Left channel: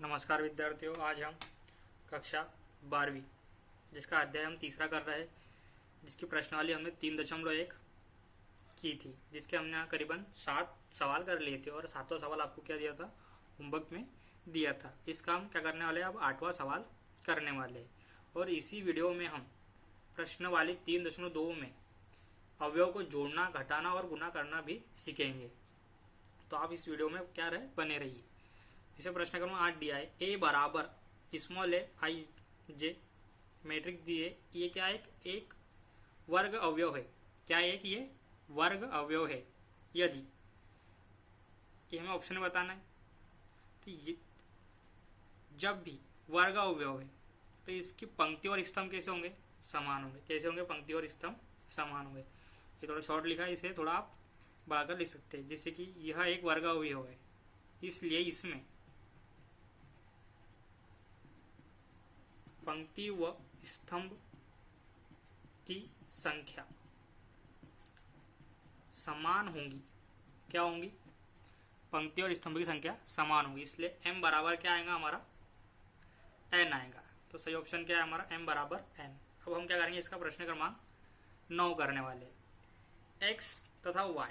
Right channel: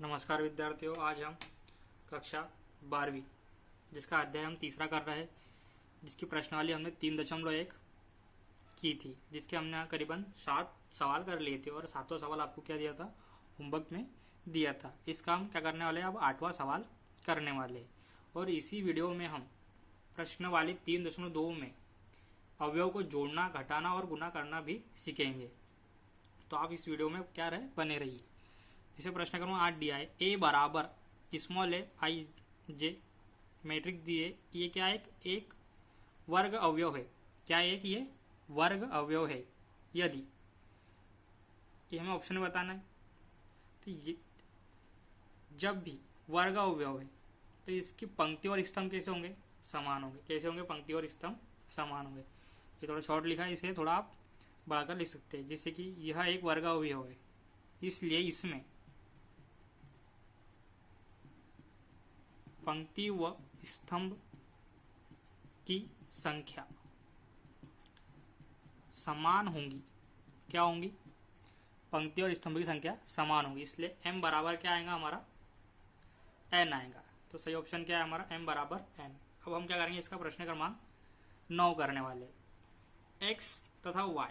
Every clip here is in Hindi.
नमस्कार विद्यार्थियों, आज हम कक्षा 12वीं जिसका अध्याय हम तीसरा कर रहे हैं, जिसकी प्रश्नावली हमने 3.1 की थी, जिसके हमने यहाँ करीबन 7 सवाल कर लिए थे और 7वां सवाल आपको क्या दिया था, होमवर्क में दिया था। इसका हम क्या करने वाले हैं, अब 8वां सवाल करने वाले हैं। और इसी वीडियो में हम प्रश्नावली 3.2 में अवयव को जोड़ना, घटाना और गुना करना भी सीखेंगे। तो आप इस वीडियो में क्या रहे, बने रहिए। इसे प्रश्न क्रमांक 8 दिया है, ए बराबर स्मॉल ए आई जे मैट्रिक्स दिए। ये क्या है, एक वर्ग अवयव है। क्या एक ये वर्ग अवयव है? यदि ये हमें ऑप्शन में बताना है। तो ये जब भी वर्ग अवयव है तो इसकी पंक्ति और स्तंभ कैसे होंगे, समान होंगे। कैसे होंगे, पंक्ति और स्तंभ समान होंगे। ये थोड़ा शॉर्ट लिखा है, इसे थोड़ा आप बढ़ाकर लिख सकते हैं, जिससे कि यह एक वर्ग अवयव है, इसलिए इसमें पंक्ति व स्तंभ की संख्या समान होंगी। क्या होंगी, पंक्ति और स्तंभ की संख्या समान होगी। इसलिए m बराबर क्या आएगा, हमारा n आएगा। तो सही ऑप्शन क्या है हमारा, m बराबर n। अब हम क्या करेंगे, इसका प्रश्न क्रमांक 9 करने वाले। x तथा y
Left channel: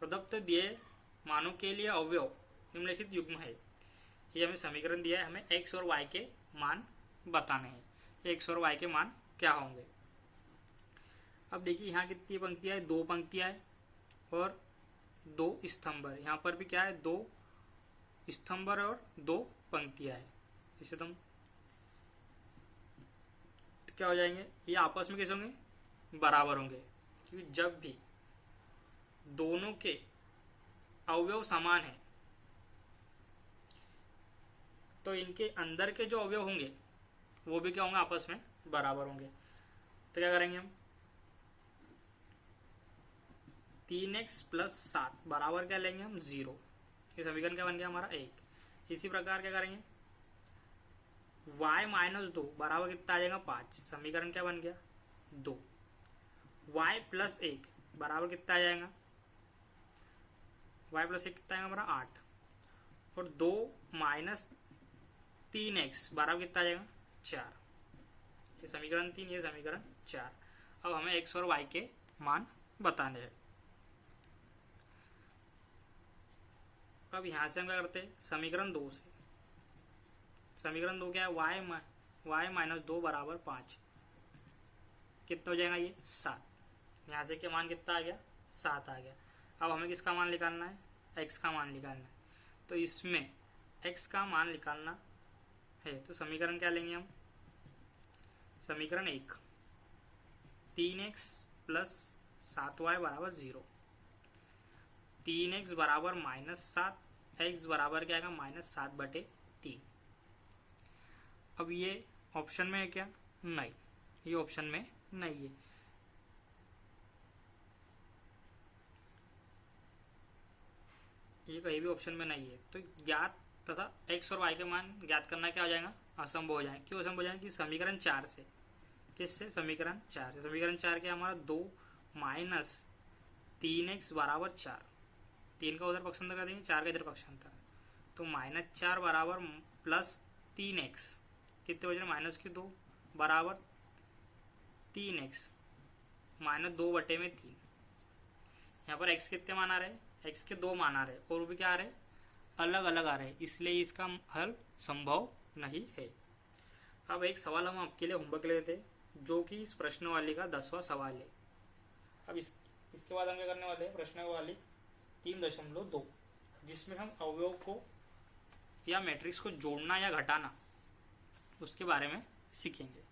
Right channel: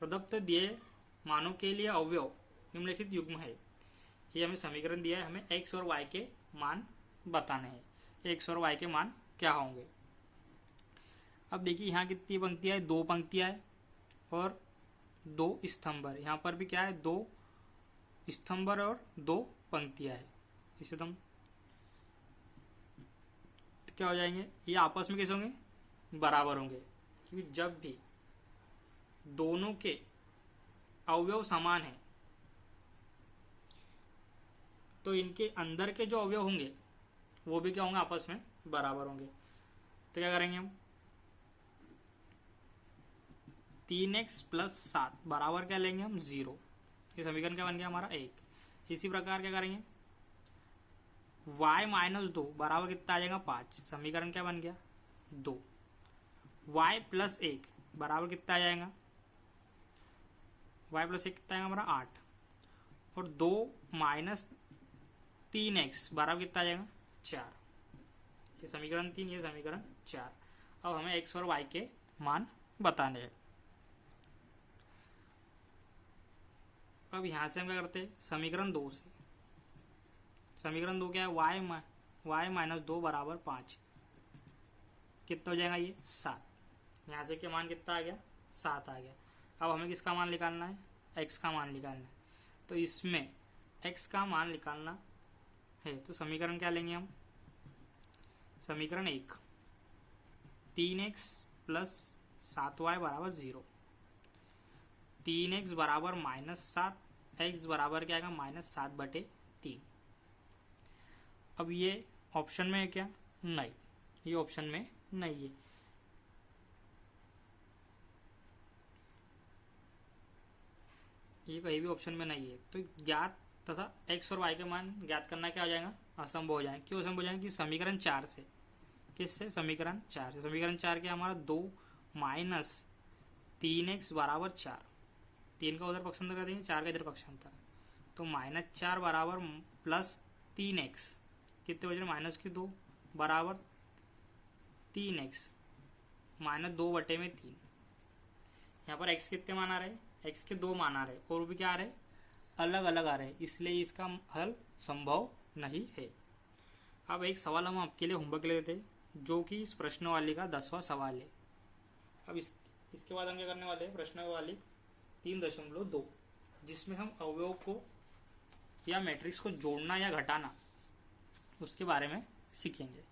प्रदत्त दिए मानों के लिए अवयव निम्नलिखित युग्म है। ये हमें समीकरण दिया है, हमें x और y के मान बताने हैं। x और y के मान क्या होंगे। अब देखिए यहाँ कितनी पंक्तियां है, 2 पंक्तियां है और 2 स्तंभ है। यहाँ पर भी क्या है, 2 स्तंभ और 2 पंक्तियां है। इसे तुम क्या हो जाएंगे, ये आपस में कैसे होंगे, बराबर होंगे। क्योंकि जब भी दोनों के अवयव समान है तो इनके अंदर के जो अवयव होंगे वो भी क्या होंगे, आपस में बराबर होंगे। तो क्या करेंगे हम, 3x प्लस 7 बराबर क्या लेंगे हम, 0। ये समीकरण क्या बन गया हमारा, 1। इसी प्रकार क्या करेंगे, y माइनस 2 बराबर कितना आ जाएगा, 5। समीकरण क्या बन गया, 2। y प्लस 1 बराबर कितना आ जाएगा, y प्लस 1 कितना आएगा हमारा, 8। और 2 माइनस 3x बराबर कितना आ जाएगा, 4। ये समीकरण 3, ये समीकरण 4। अब हमें x और y के मान बताने हैं। अब यहां से हम क्या करते हैं, समीकरण 2 से। समीकरण 2 क्या है, y माइनस 2 बराबर 5। कितना हो जाएगा, ये 7। यहाँ से क्या मान कितना आ गया, 7 आ गया। अब हमें किसका मान निकालना है, x का मान निकालना है। तो इसमें x का मान निकालना है तो समीकरण क्या लेंगे हम, समीकरण 1, 3x प्लस 7y बराबर 0। 3x बराबर -7, x बराबर क्या आएगा, -7/3। अब ये ऑप्शन में है क्या, नहीं, ये ऑप्शन में नहीं है। ये कहीं भी ऑप्शन में नहीं है। तो ज्ञात तथा x और y के मान ज्ञात करना क्या हो जाएगा, असंभव हो जाएगा। क्यों असंभव हो जाएगा, कि समीकरण 4 से। किससे, समीकरण 4 से। समीकरण 4 क्या हमारा, 2 माइनस 3x बराबर 4। 3 का उधर पक्षांतर कर देंगे, 4 का इधर पक्षांतर। तो -4 बराबर प्लस 3x, कितने बज रहे, -2 बराबर 3x -2/3। यहाँ पर x कितने मान आ रहे हैं, x के 2 मान आ रहे हैं और भी क्या आ रहे हैं, अलग अलग आ रहे हैं, इसलिए इसका हल संभव नहीं है। अब एक सवाल हम आपके लिए होमवर्क ले लेते हैं, जो कि इस प्रश्नवाली का 10वां सवाल है। अब इसके बाद हम क्या करने वाले हैं, प्रश्नवाली 3.2, जिसमें हम अवयव को या मैट्रिक्स को जोड़ना या घटाना उसके बारे में सीखेंगे।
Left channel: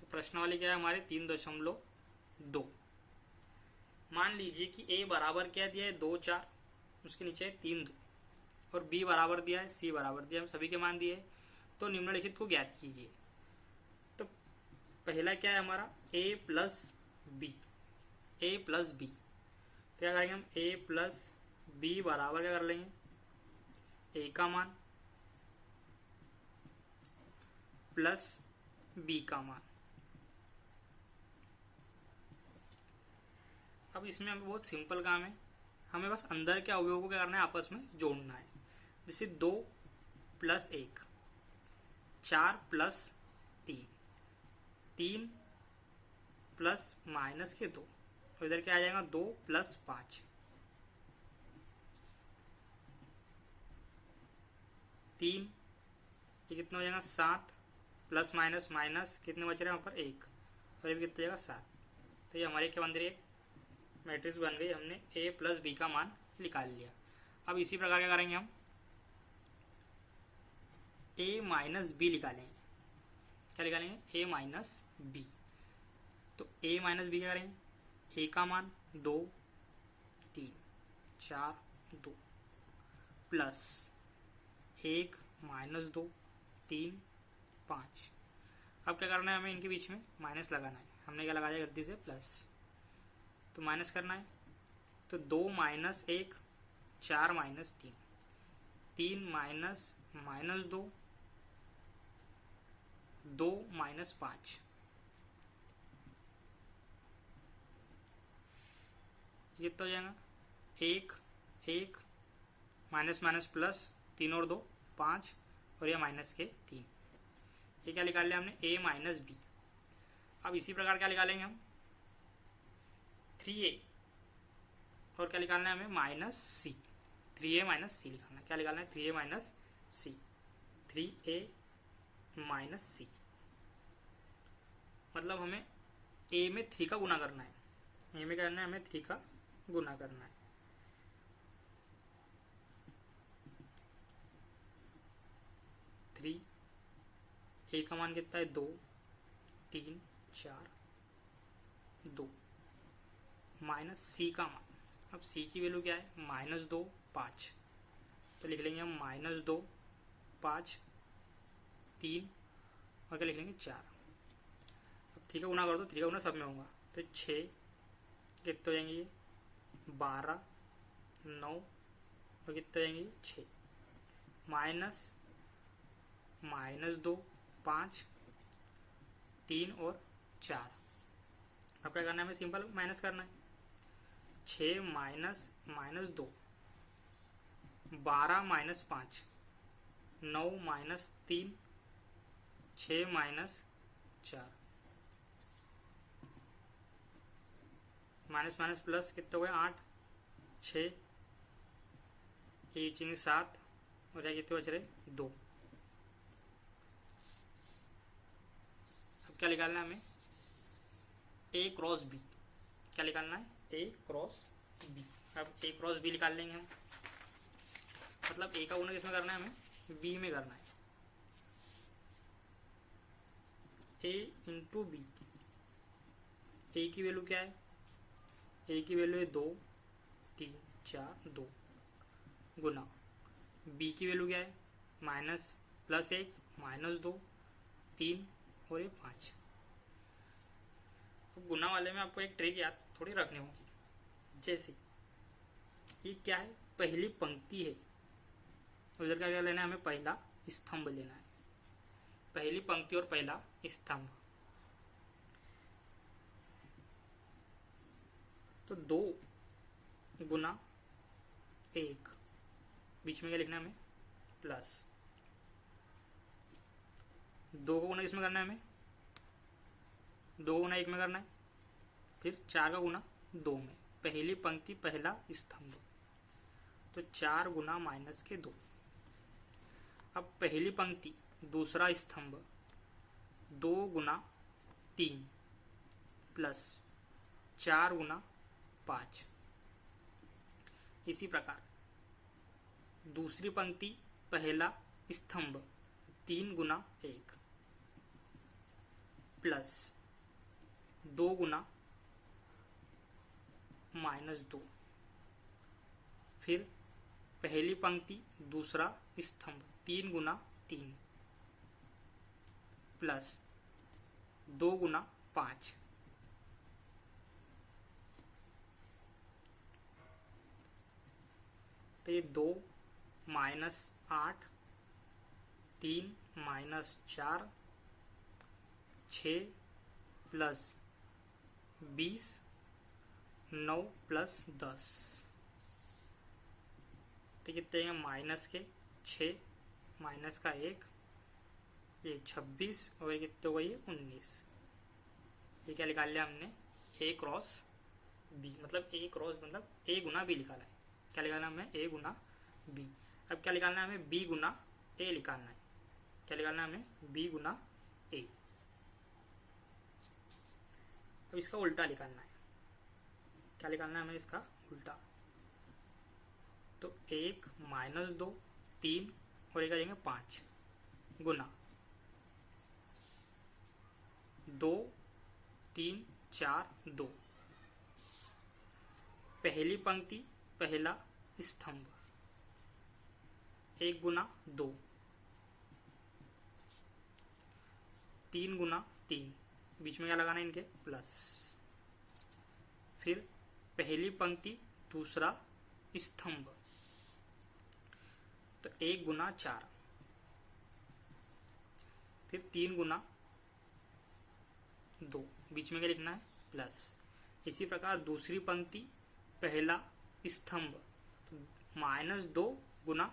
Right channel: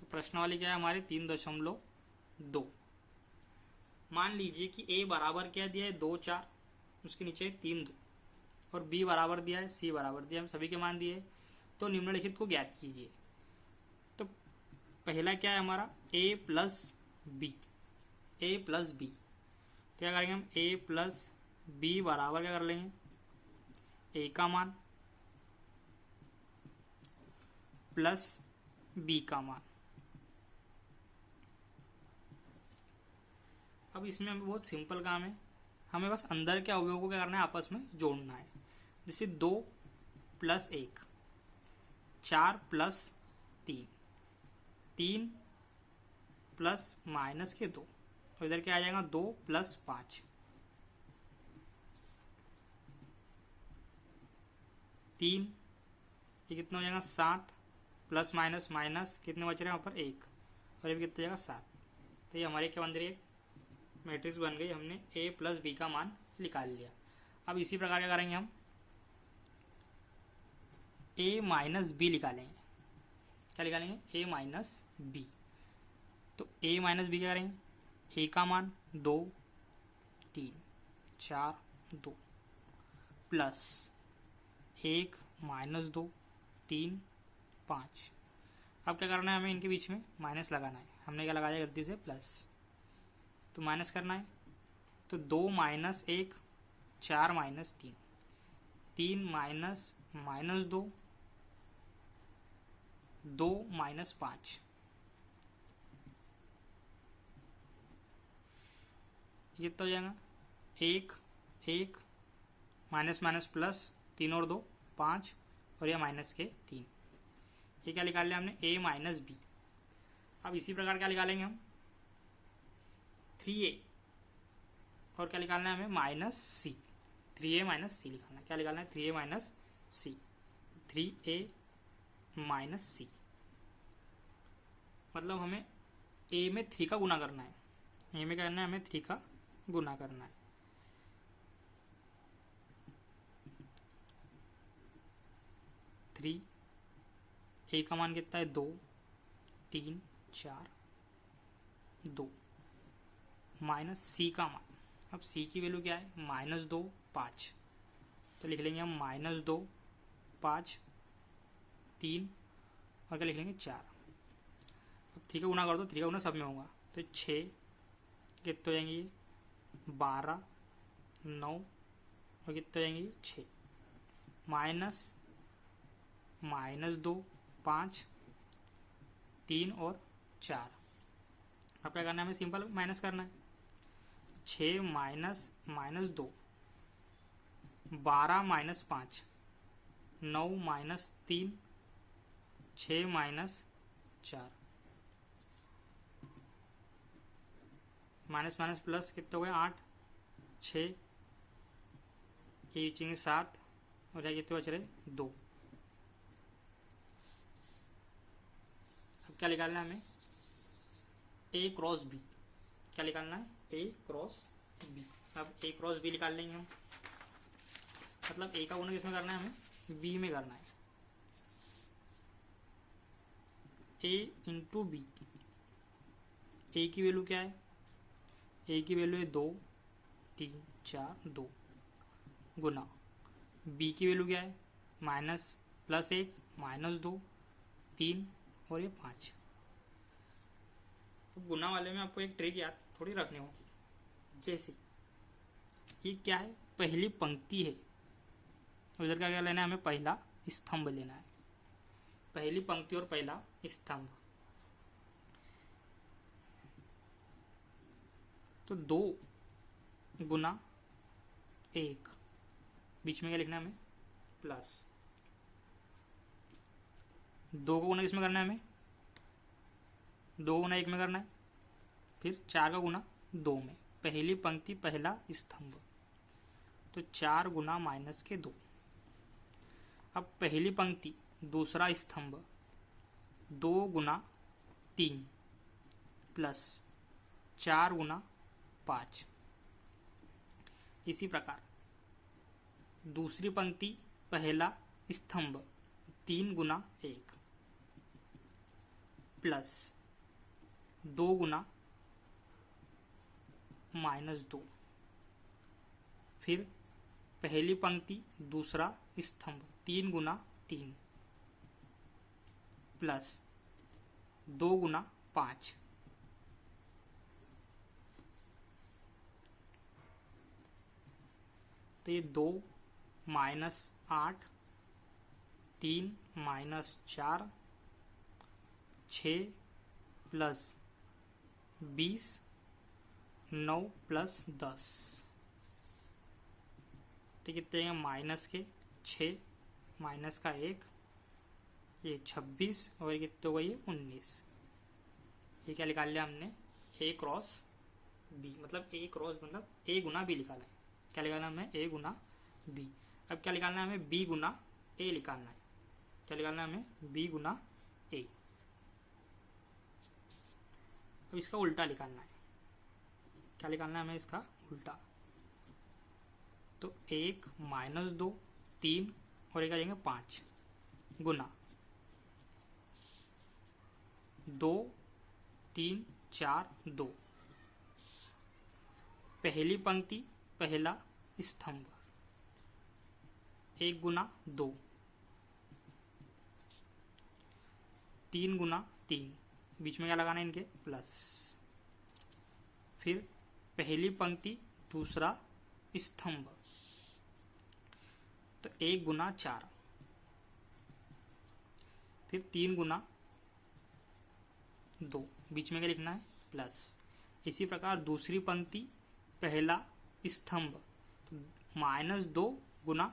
तो प्रश्नवाली क्या है हमारी, 3.2। मान लीजिए कि a बराबर क्या दिया है, 2 4, उसके नीचे 3 2, और b बराबर दिया है, c बराबर दिया है, हम सभी के मान दिए। तो निम्नलिखित को ज्ञात कीजिए। तो पहला क्या है हमारा, a प्लस बी। a प्लस बी, क्या करेंगे हम, a प्लस बी बराबर क्या कर लेंगे, a का मान प्लस b का मान। अब इसमें हमें बहुत सिंपल काम है, हमें बस अंदर के अवयवों को क्या करना है, आपस में जोड़ना है। जैसे 2 प्लस 1, 4 प्लस 3, 3 प्लस माइनस के 2, और इधर क्या आ जाएगा 2 प्लस 5, 3, ये कितना हो जाएगा 7 प्लस माइनस माइनस कितने बच रहे हैं वहाँ पर 1, और ये कितना हो जाएगा 7। तो ये हमारी क्या बन रही है, मैट्रिक्स बन गई। हमने a प्लस बी का मान निकाल लिया। अब इसी प्रकार क्या करेंगे, हम a माइनस बी निकालेंगे। क्या निकालेंगे, a माइनस बी। तो a माइनस बी क्या करेंगे, a का मान 2, 3, 4, 2 प्लस 1 माइनस 2, 3, 5। अब क्या करना है, हमें इनके बीच में माइनस लगाना है। हमने क्या लगाया गलती से प्लस, तो माइनस करना है। तो 2 minus 1, 4 minus 3, 3 minus minus 2, 2 minus 5, ये तो हो जाएगा 1, 1 माइनस माइनस प्लस, 3 और 2 5, और यह माइनस के 3। ये क्या निकाल लिया हमने, a माइनस बी। अब इसी प्रकार क्या निकालेंगे हम, 3a, और क्या निकालना है हमें, माइनस सी। 3a माइनस सी लिखाना है। क्या निकालना है, 3a माइनस सी, 3a माइनस सी। मतलब हमें a में 3 का गुना करना है। a में क्या करना है, हमें 3 का गुना करना है। a का मान कितना है, 2, 3, 4, 2 माइनस सी का मान। अब सी की वैल्यू क्या है, -2, 5। तो लिख लेंगे हम -2, 5, 3, और क्या लिख लेंगे 4। अब 3 का गुना कर दो, 3 का गुना सब में होगा, तो 6 कितने हो जाएंगे, ये 12, 9, और कितने हो जाएंगे 6, -2, 5, 3 और 4। अब क्या करना है, हमें सिंपल माइनस करना है। 6 minus -2, 12 minus 5, 9 minus 3, 6 minus 4, minus minus plus कितने हो गए 8, 6, ये बचेंगे 7, और यहाँ कितने बच रहे 2। अब क्या निकालना है हमें, a क्रॉस b। क्या निकालना है, a क्रॉस b। अब a क्रॉस b निकाल लेंगे हम। मतलब a का गुना किसमें करना है, हमें b में करना है। a इंटू बी, a की वैल्यू क्या है, a की वैल्यू है 2, 3, 4, 2 गुना b की वैल्यू क्या है, माइनस प्लस 1, -2, 3 और ये 5। तो गुना वाले में आपको एक ट्रिक याद थोड़ी रखनी होगी। जैसे ये क्या है, पहली पंक्ति है, उधर क्या लेना है, हमें पहला स्तंभ लेना है। पहली पंक्ति और पहला स्तंभ, तो 2 गुना 1, बीच में क्या लिखना है हमें, प्लस 2 का गुना किसमें करना है, हमें 2 गुना 1 में करना है। फिर 4 का गुना 2 में, पहली पंक्ति पहला स्तंभ, तो 4 गुना माइनस के 2। अब पहली पंक्ति दूसरा स्तंभ, 2 गुना 3 प्लस 4 गुना 5। इसी प्रकार दूसरी पंक्ति पहला स्तंभ, 3 गुना 1 प्लस 2 गुना -2। फिर पहली पंक्ति दूसरा स्तंभ, 3 गुना 3 प्लस 2 गुना 5। तो ये 2 माइनस 8, 3 माइनस 4, 6 प्लस 20, 9 प्लस 10। तो कितने हैं, -6 माइनस का 1, ये 26 और ये कितने हो गई है 19। ये क्या निकाल लिया हमने, ए क्रॉस बी, मतलब ए क्रॉस मतलब ए गुना बी निकाला है। क्या निकालना हमें, ए गुना बी। अब क्या निकालना है हमें, बी गुना ए निकालना है। क्या निकालना है हमें, बी गुना ए। तो इसका उल्टा निकालना है। क्या निकालना है हमें, इसका उल्टा। तो 1 माइनस 2 3 और एक आ जाएंगे 5 गुना 2 3 4 2। पहली पंक्ति पहला स्तंभ, 1 गुना 2, 3 गुना 3, बीच में क्या लगाना है इनके, प्लस। फिर पहली पंक्ति दूसरा स्तंभ, तो 1 गुना 4, फिर 3 गुना 2, बीच में क्या लिखना है, प्लस। इसी प्रकार दूसरी पंक्ति पहला स्तंभ, तो -2 गुना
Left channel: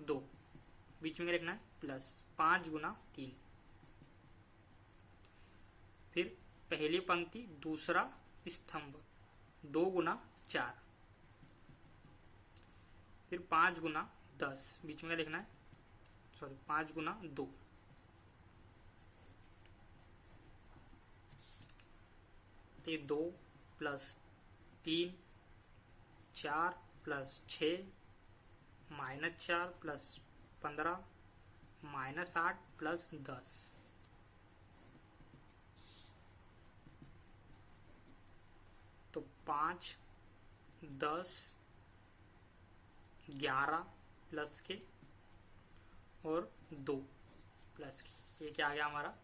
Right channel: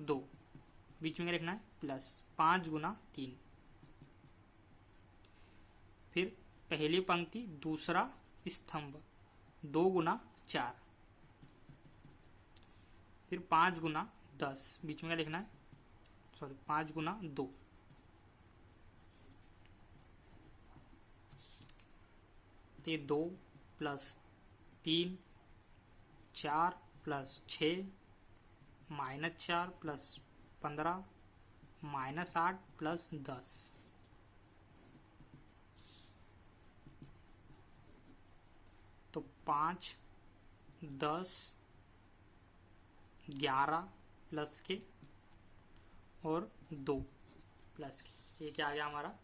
2, बीच में क्या लिखना है, प्लस। 5 गुना 3, फिर पहली पंक्ति दूसरा स्तंभ, 2 गुना 4, फिर 5 गुना 10, बीच में क्या लिखना है, 5 गुना 2, तो ये 2 प्लस 3 4 प्लस 6 -4 प्लस 15 -8 प्लस 10, तो 5 10 11 प्लस के और 2 प्लस के। ये क्या आ गया हमारा,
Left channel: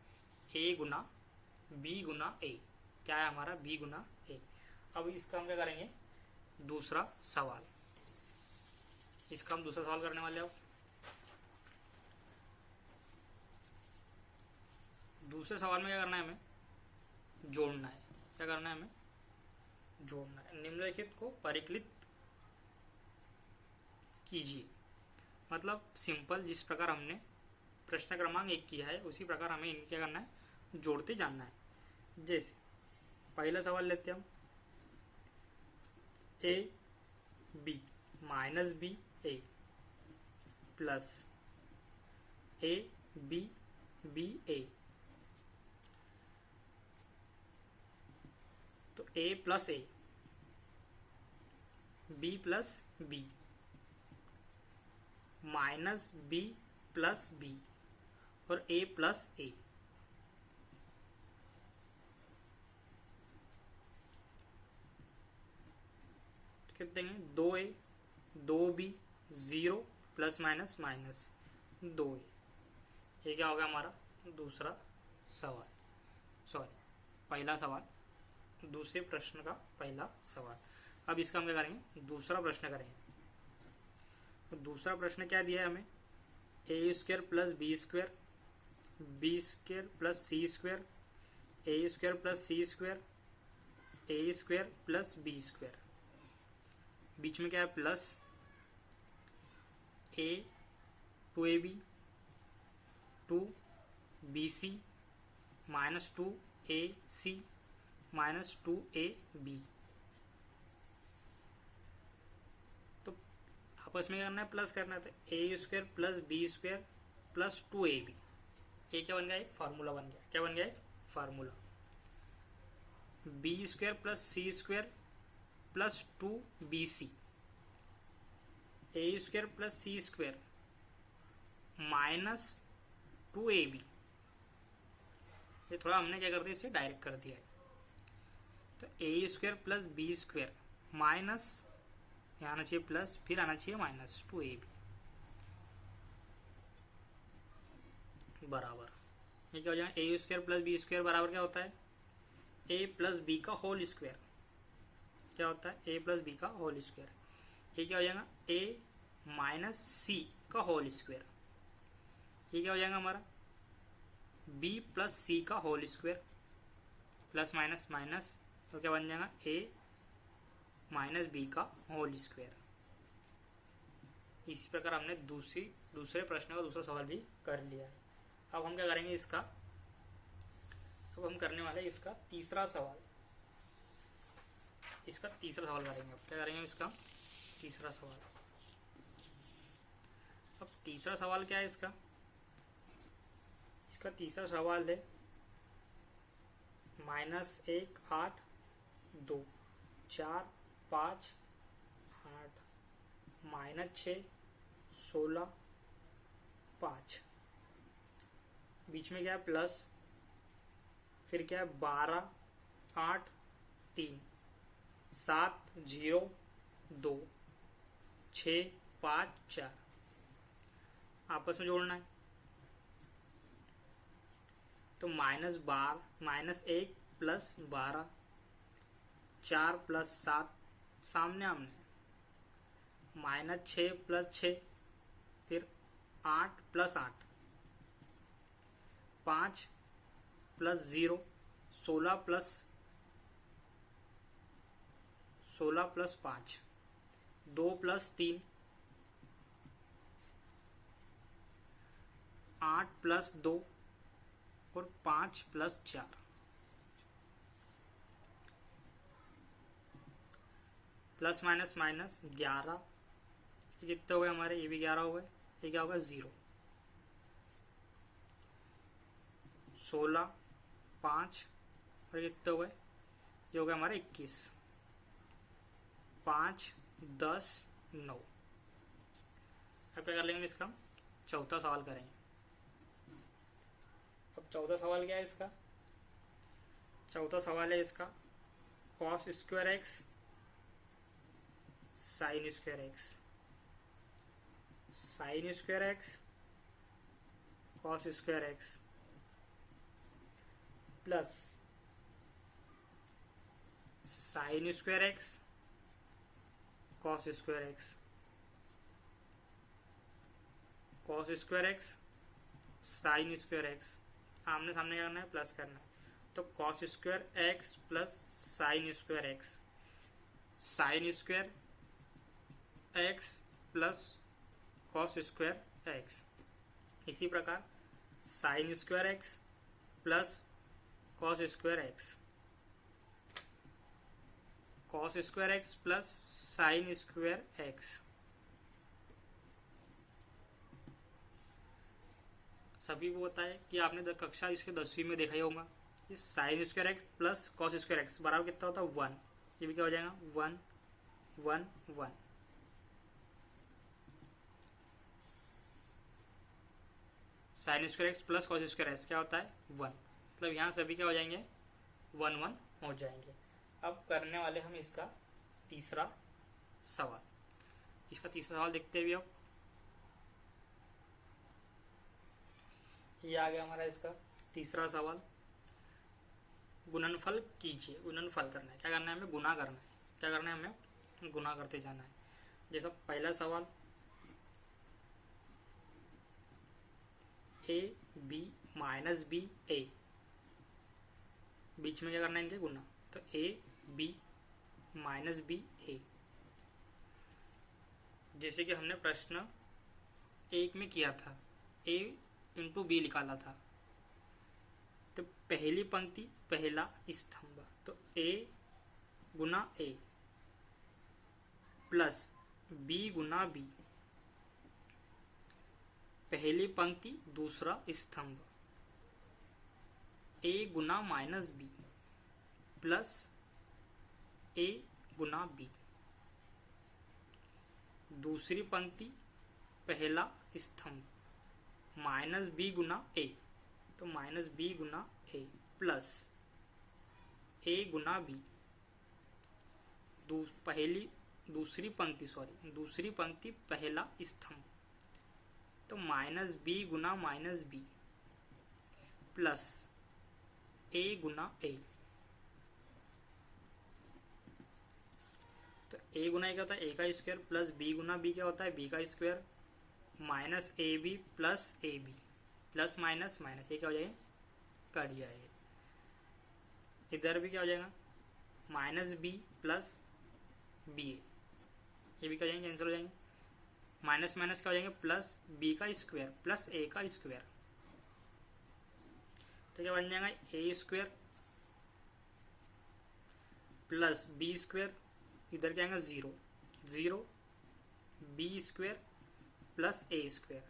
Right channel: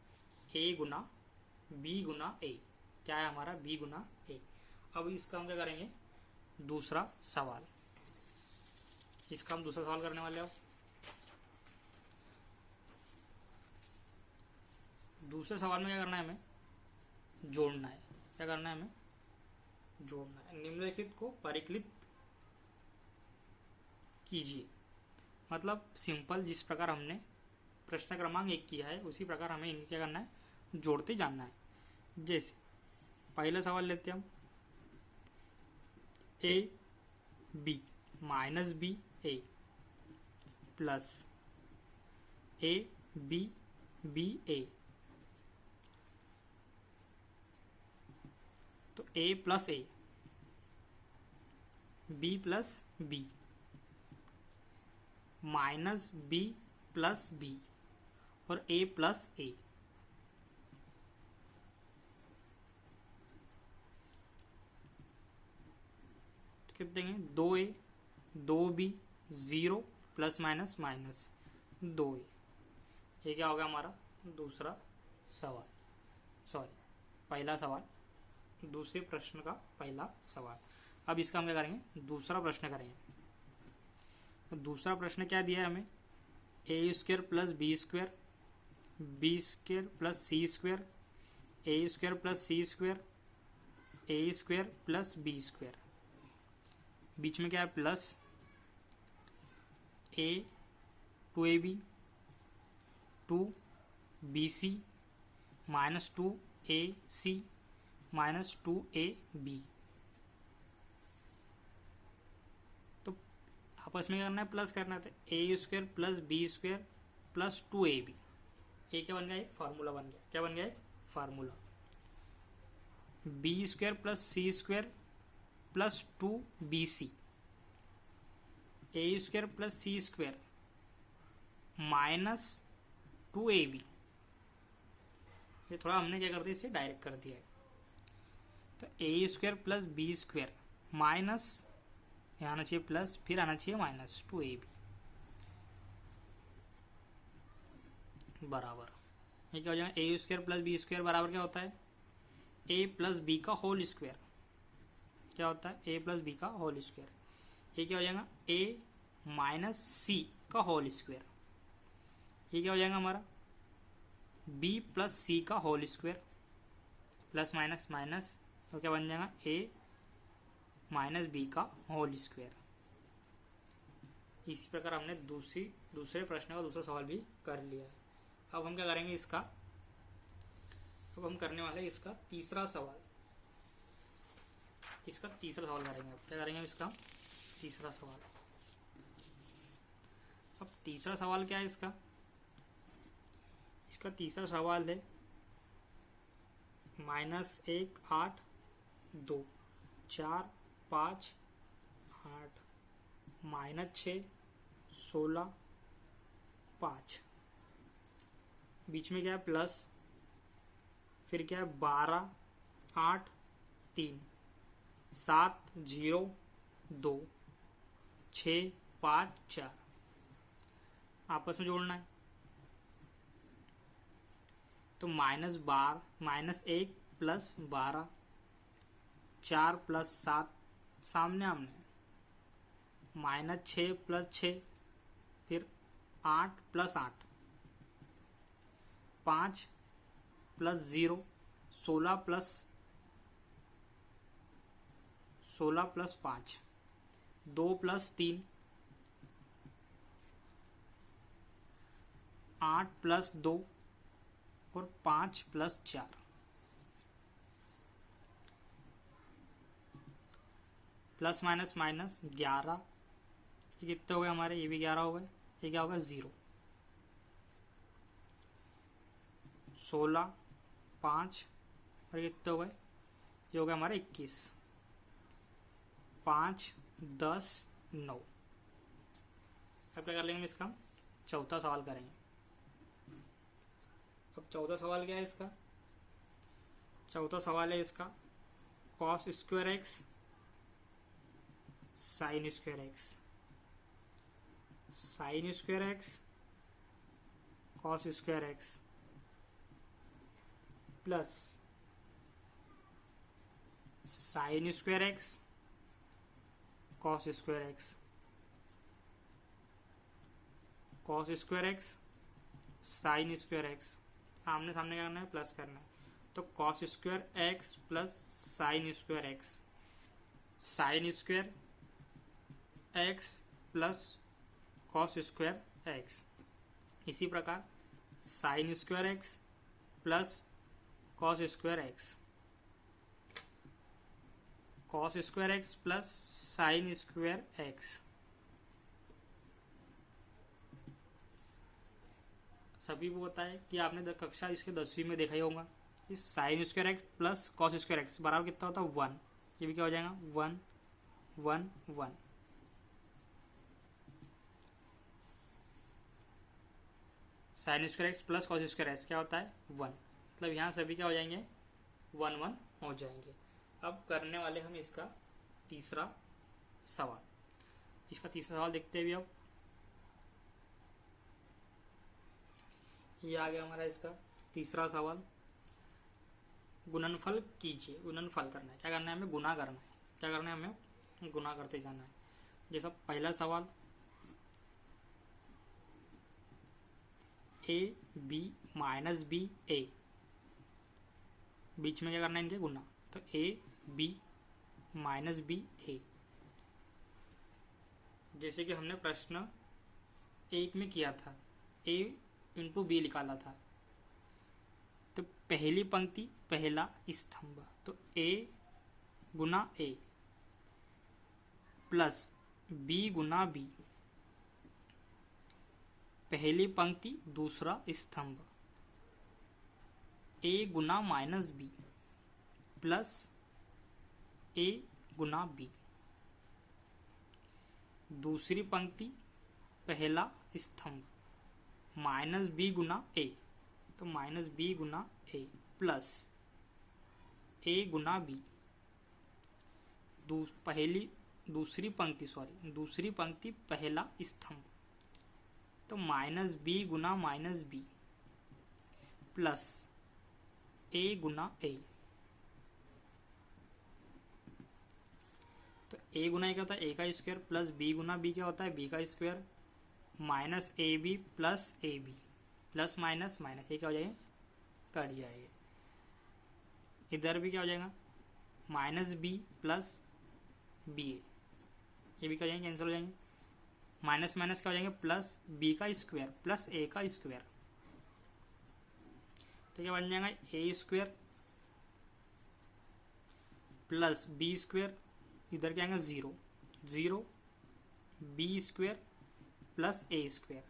ए गुना बी गुना ए। क्या है हमारा, बी गुना ए। अब इसका हम क्या करेंगे, दूसरा सवाल। इसका हम दूसरा सवाल करने वाले हो। दूसरे सवाल में क्या करना है हमें, जोड़ना है। क्या करना है हमें, जोड़ना है। निम्नलिखित को परिकलित कीजिए, मतलब सिंपल, जिस प्रकार हमने प्रश्न क्रमांक 1 किया है उसी प्रकार हमें इनके क्या करना है, जोड़ते जानना है। जैसे पहला सवाल लेते हैं हम, A B minus B A plus A B B A, तो A plus A, B plus B, minus B plus B और ए प्लस ए। कितने देंगे, 2a 2b 0 plus minus minus 2a। ये क्या होगा हमारा दूसरा सवाल, सॉरी पहला सवाल, दूसरे प्रश्न का पहला सवाल। अब इसका हम क्या करेंगे, दूसरा प्रश्न करेंगे। तो दूसरा प्रश्न क्या दिया है हमें, A square plus B square, B square plus C square, A square plus C square, A square plus B square, बीच में क्या है, प्लस। ए 2ab 2bc minus 2ac minus 2ab। तो आपस में करना है, प्लस करना है, तो A square plus B square plus 2ab। ये क्या बन गया, एक फार्मूला बन गया। क्या बन गया, एक formula. B square plus C square plus 2bc, ए square plus C square minus 2ab। ये थोड़ा हमने क्या कर दिया, इसे डायरेक्ट कर दिया है। तो A square plus B square minus, यहाँ आना चाहिए प्लस, फिर आना चाहिए माइनस 2ab बराबर। ये क्या हो जाएगा, ए स्क्वायर प्लस बी स्क्वायर बराबर क्या होता है, ए प्लस बी का होल स्क्वायर। क्या होता है, ए प्लस बी का होल स्क्वायर। ये क्या हो जाएगा, ए माइनस सी का होल स्क्वायर। ये क्या हो जाएगा हमारा, बी प्लस सी का whole square, plus minus minus, तो क्या बन जाएगा, ए माइनस बी का होल स्क्वायर। इसी प्रकार हमने दूसरे प्रश्न का दूसरा सवाल भी कर लिया है। अब हम क्या करेंगे इसका, अब हम करने वाले इसका तीसरा सवाल करेंगे। क्या करेंगे इसका तीसरा सवाल। अब तीसरा सवाल क्या है इसका तीसरा सवाल है -1 8 2 4 5 8 -6 16 5, बीच में क्या है प्लस, फिर क्या है 12 8 3 7 0 2 6 5 4, आपस में जोड़ना है। तो -1 प्लस 12 4 प्लस 7 सामने आमने, -6 प्लस 6, फिर 8 plus 8 5 plus 0 16 plus 5 2 plus 3 8 plus 2 और 5 प्लस 4, प्लस माइनस माइनस 11, ये कितने हो गए हमारे, ये भी 11 हो गए, ये क्या होगा 0 16 5 और कितने हो गए, ये हो गया हमारे 21 5 10 9। अब क्या कर लेंगे इसका चौथा सवाल करेंगे। अब चौथा सवाल क्या है इसका, चौथा सवाल है इसका cos square x sine square x, sine square x cos square x plus sine square x cos square x, cos square x sine square x, आमने सामने क्या करना है प्लस करना है। तो cos square x plus sine square x, sine square x plus cos square x, इसी प्रकार sine square x plus cos square x, cos square x plus sine square x, सभी को पता है कि आपने कक्षा इसके 10वीं में देखा ही होगा, इस sine square x plus cos square x बराबर कितना होता है 1, ये भी क्या हो जाएगा 1 1 1, sine square x plus cos square x क्या होता है 1, मतलब यहाँ सभी क्या हो जाएंगे 1 1 हो जाएंगे। अब करने वाले हम इसका तीसरा सवाल, इसका तीसरा सवाल देखते हैं भी। अब ये आ गया हमारा इसका तीसरा सवाल, गुणनफल कीजिए। गुणनफल करना है, क्या करना है हमें गुना करना है, क्या करना है हमें गुना करते जाना है। जैसा पहला सवाल ए बी माइनस बी ए, बीच में क्या करना है इनके गुना, तो ए बी माइनस बी ए, जैसे कि हमने प्रश्न 1 में किया था, ए इंटू बी निकाला था। तो पहली पंक्ति पहला स्तंभ, तो ए गुना ए प्लस बी गुना बी, पहली पंक्ति दूसरा स्तंभ, ए गुना माइनस बी प्लस ए गुना बी, दूसरी पंक्ति पहला स्तंभ माइनस बी गुना ए, तो माइनस बी गुना ए प्लस ए गुना बी, दूसरी पंक्ति पहला स्तंभ, तो माइनस बी गुना माइनस बी प्लस ए गुना ए, तो ए गुना ए क्या होता है ए का स्क्वायर प्लस बी गुना बी क्या होता है बी का square minus A B plus A B, plus minus minus, ये क्या हो जाएगा कट जाएगा। इधर भी क्या हो जाएगा माइनस बी प्लस बी ए, ये भी क्या हो जाएंगे कैंसिल हो जाएंगे। माइनस माइनस क्या हो जाएंगे, प्लस बी का स्क्वायर प्लस ए का स्क्वायर। तो क्या बन जाएगा, ए स्क्वायर प्लस बी स्क्वायर, इधर क्या आएगा 0, 0 बी स्क्वायर प्लस ए स्क्वायर।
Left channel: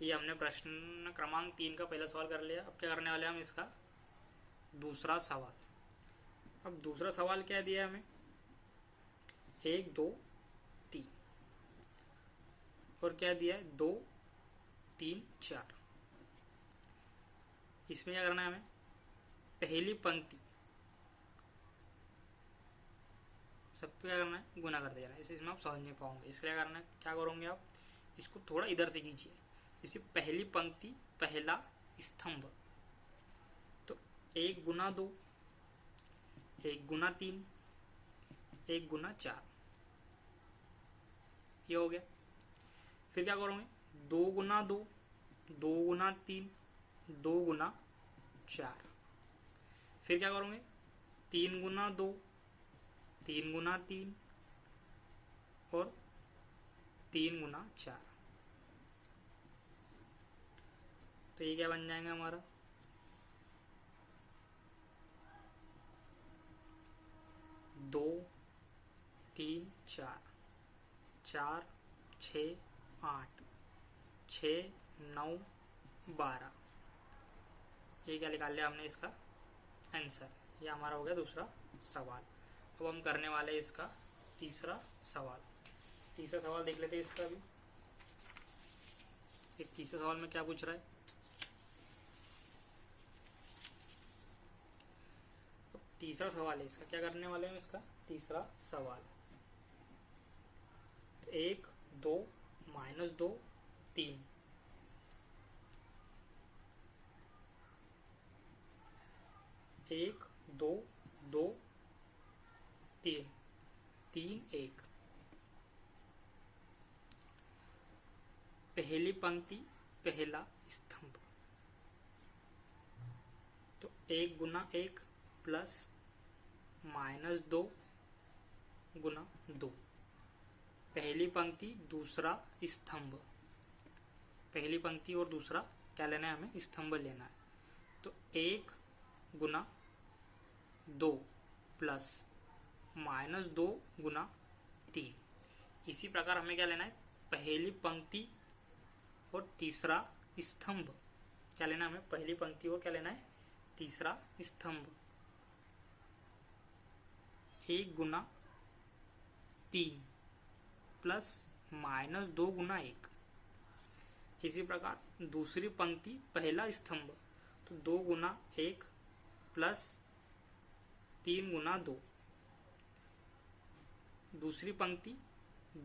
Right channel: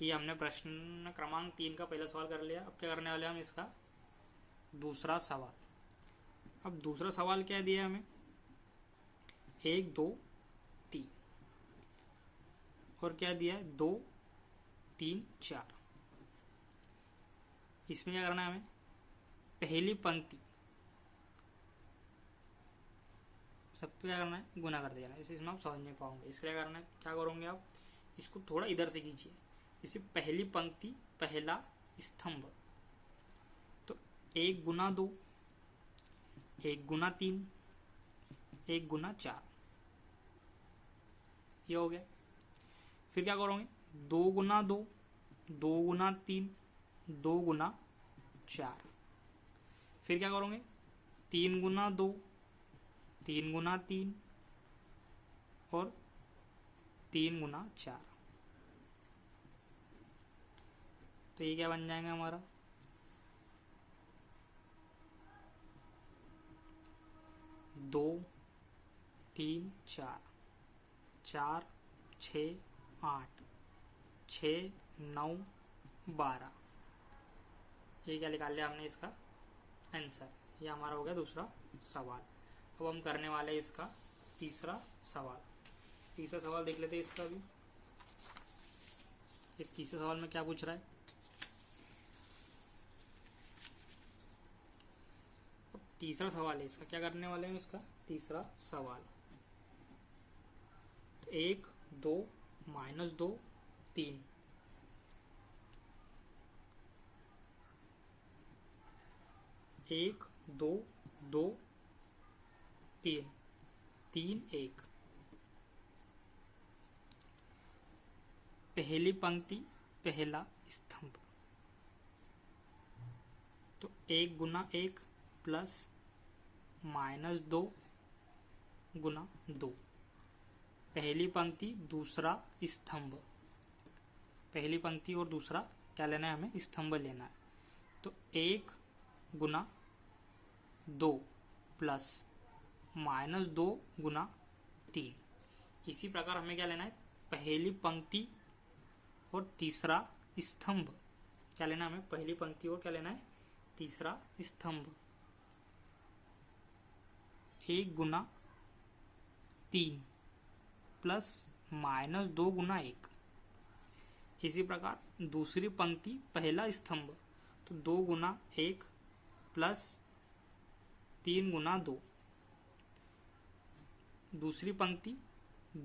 ये हमने प्रश्न क्रमांक 3 का पहला सवाल कर लिया। अब क्या करने वाले हम इसका दूसरा सवाल। अब दूसरा सवाल क्या दिया है हमें, 1 2 3 और क्या दिया है 2 3 4। इसमें क्या करना है हमें, पहली पंक्ति सब पे क्या करना है, गुना कर देना है। इसमें आप समझ नहीं पाओगे, इसलिए क्या करना है, क्या करोगे आप, इसको थोड़ा इधर से कीजिए। इसे पहली पंक्ति पहला स्तंभ, तो 1 गुना 2, 1 गुना 3, 1 गुना 4, ये हो गया। फिर क्या करोगे, 2 गुना 2, 2 गुना 3, 2 गुना 4। फिर क्या करोगे, 3 गुना 2, 3 गुना 3 और 3 गुना 4। तो ये क्या बन जाएगा हमारा, 2 3 4, 4 6 8 6 9 12। ये क्या निकाल लिया हमने इसका आंसर। ये हमारा हो गया दूसरा सवाल। अब हम करने वाले हैं इसका तीसरा सवाल। तीसरा सवाल देख लेते हैं इसका भी। इस तीसरे सवाल में क्या पूछ रहा है, तीसरा सवाल है इसका। क्या करने वाले हैं इसका तीसरा सवाल, 1 2 -2 3, 1 2 2 3 3 1। पहली पंक्ति पहला स्तंभ, तो 1 गुना 1 प्लस -2 गुना 2। पहली पंक्ति दूसरा स्तंभ, पहली पंक्ति और दूसरा क्या लेना है हमें, स्तंभ लेना है। तो 1 गुना 2 प्लस -2 गुना 3। इसी प्रकार हमें क्या लेना है, पहली पंक्ति और तीसरा स्तंभ क्या लेना है हमें, पहली पंक्ति और क्या लेना है, तीसरा स्तंभ। 1 गुना 3 प्लस -2 गुना 1। इसी प्रकार दूसरी पंक्ति पहला स्तंभ, तो 2 गुना 1 प्लस 3 गुना 2। दूसरी पंक्ति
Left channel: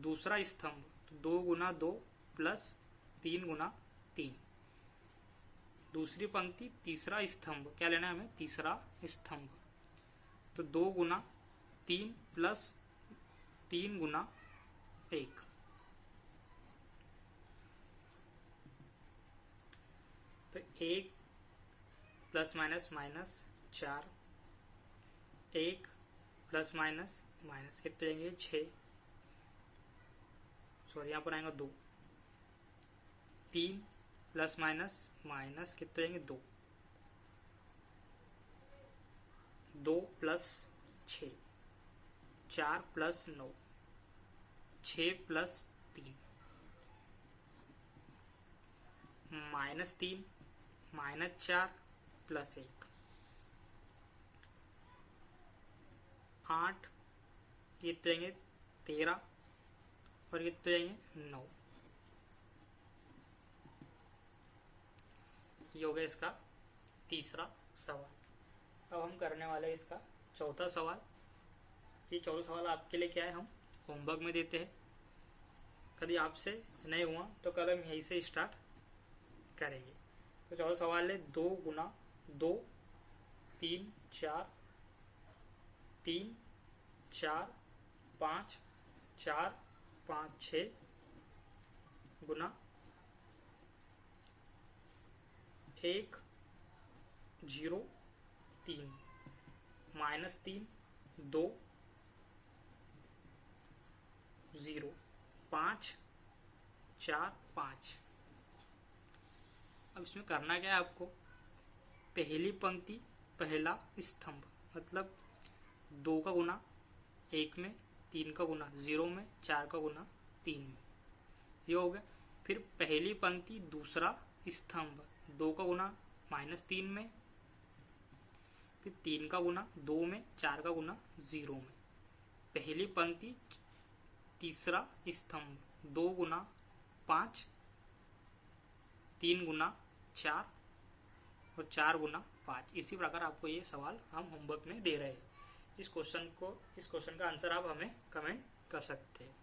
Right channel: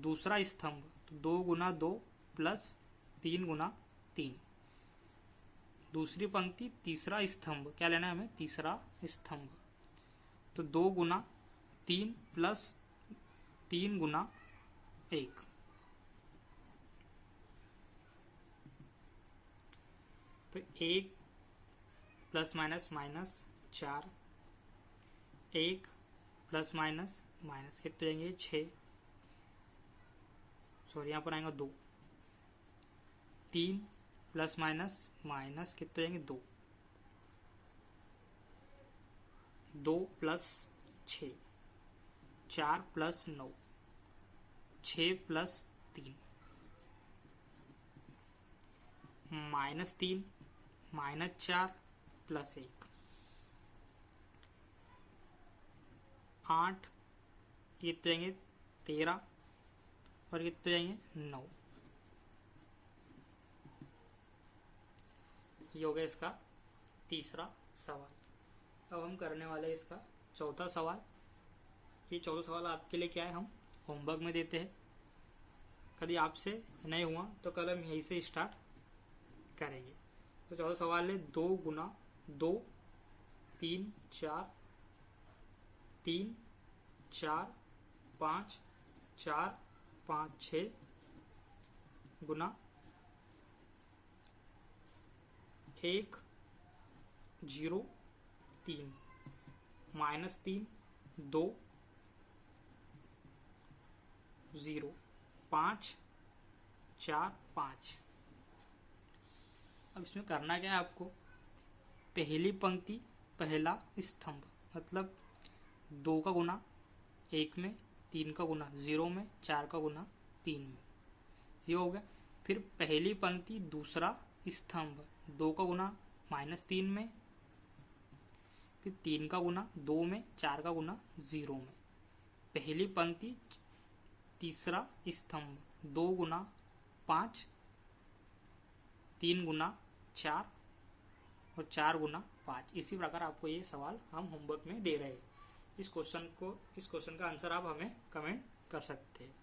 दूसरा स्तंभ, तो 2 गुना 2 प्लस 3 गुना 3। दूसरी पंक्ति तीसरा स्तंभ, क्या लेना है हमें, तीसरा स्तंभ, तो 2 गुना 3 प्लस 3 गुना 1। तो 1 plus minus minus 4, 1 plus minus minus कितने रहेंगे 6, सॉरी यहाँ पर आएंगे 2। 3 प्लस माइनस माइनस कितने रहेंगे 2, 2 प्लस 6, 4 प्लस 9, 6 प्लस 3, -3 -4 प्लस 1, 8, कितने रहेंगे 13 और कितने रहेंगे 9। ये हो गया इसका तीसरा सवाल। अब हम करने वाले हैं इसका चौथा सवाल। ये चौथा सवाल आपके लिए क्या है, हम होमवर्क में देते हैं। कभी आपसे नहीं हुआ तो कल हम यहीं से स्टार्ट करेंगे। तो चौथा सवाल है 2 गुना 2 3 4 3 4 5 4 5 6 गुना 1 0 3 -3 2 0 5 4 5। अब इसमें करना क्या है आपको, पहली पंक्ति पहला स्तंभ, मतलब 2 का गुना 1 में, 3 का गुना 0 में, 4 का गुना 3 में, ये हो गया। फिर पहली पंक्ति दूसरा स्तंभ, 2 का गुना -3 में, फिर 3 का गुना 2 में, 4 का गुना 0 में। पहली पंक्ति तीसरा स्तंभ, 2 गुना 5, 3 गुना 4 और 4 गुना 5। इसी प्रकार आपको ये सवाल हम होमवर्क में दे रहे हैं। इस क्वेश्चन का आंसर आप हमें कमेंट कर सकते हैं।